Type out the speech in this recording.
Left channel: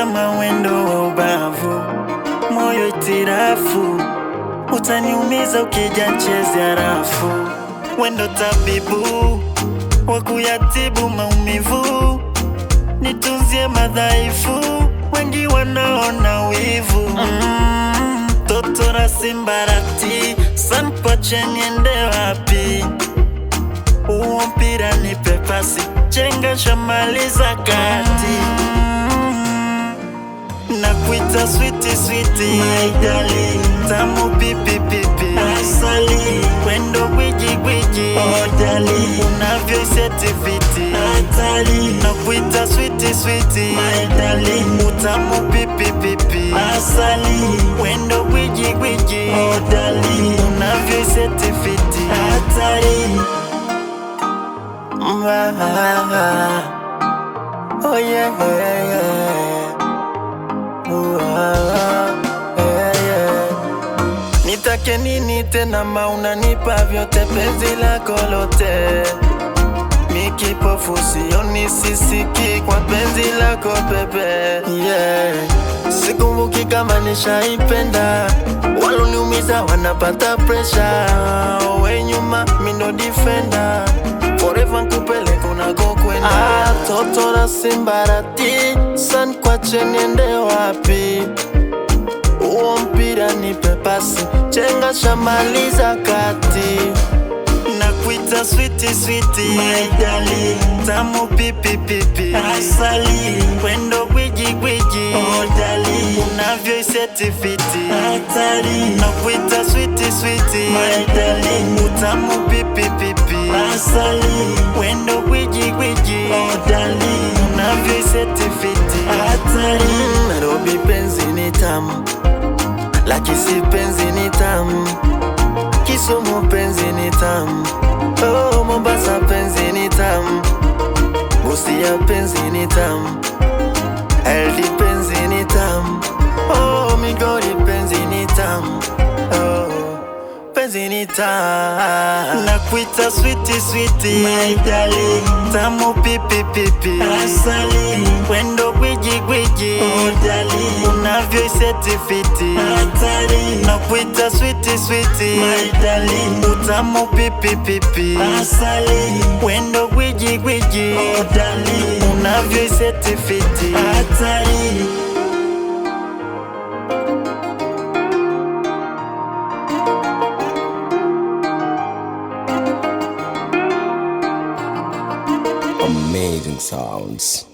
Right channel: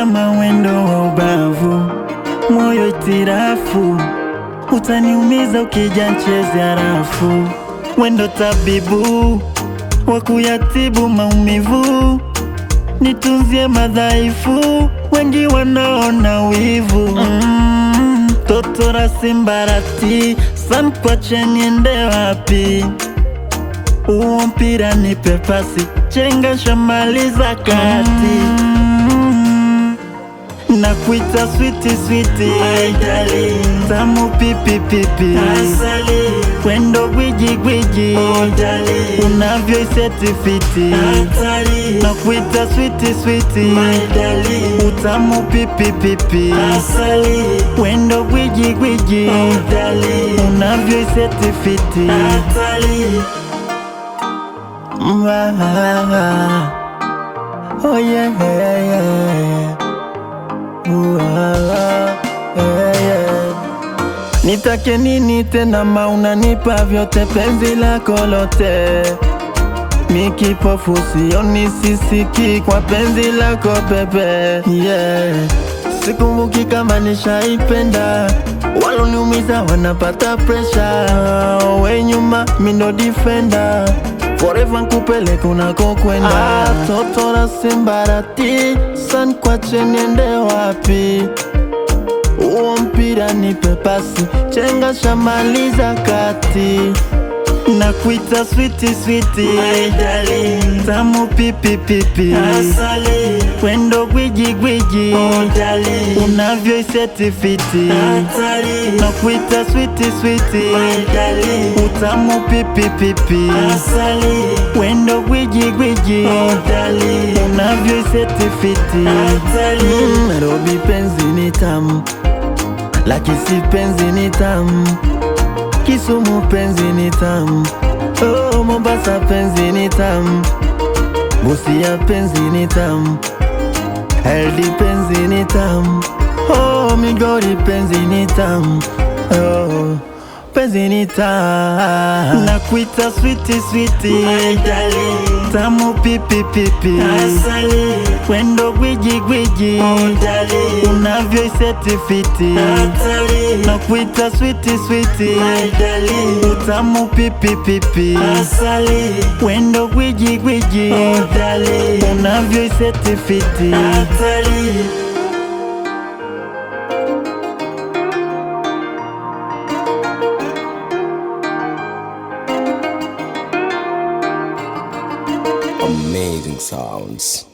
kama wendo wa ubavu, moyo tirafu, utaniumiza ukija nchezea rafu. Wendo tabibu wa kuyatibu maumivu, nitunzie madhaifu, wengi wanaona wivu. Totora simbarati, sampache niende wapi? Uo mpira nipe pasi, chenga shamaliza kati. Nakuita sweetie sweetie, my darling, tamu pipi pipi, asali, wendo gwiji gwiji, oh darling, unavyo seti fiti, hatari. Nakuita sweetie sweetie, my darling, utamu pipi pipi, asali, wendo gwiji gwiji, oh darling, unavyo seti fiti, hatari. Oh yeah, yeah, yeah. Nitake nini tena mauna nipa vyote penzi lako lote. Mikipofu sioni sisiki kwa penzi lako bebe, yeah. Sikumbuki kama nishaipenda, waloniumiza wanapata pressure. We nyuma mindo defender, forever kupole kunako kwenda. Totora simbarati, san kwa chenende wapi? Uo mpira nipe pasi, chenga shamaliza kati. Nakuita sweetie sweetie, my darling, tamu pipi pipi, asali, wendo gwiji gwiji, oh darling, unavyo seti fiti, hatari. Nakuita sweetie sweetie, my darling, utamu pipi pipi, asali, wendo gwiji gwiji, oh darling, unavyo seti fiti, hatari. Nairobi penzi ni tamu, Lakisi penzi ni tamu, Kisumu penzi ni tamu, oh Mombasa penzi ni tamu, Busia penzi ni tamu, LD penzi ni tamu, oh Migori penzi ni tamu, oh penzi ni tamu. Nakuita sweetie sweetie, my darling, tamu pipi pipi, asali, wendo gwiji gwiji, oh darling, unavyo seti fiti, hatari. Nakuita sweetie sweetie, my darling, tamu pipi pipi, asali, wendo gwiji gwiji, oh darling, unavyo seti fiti, hatari. Amazing sounds.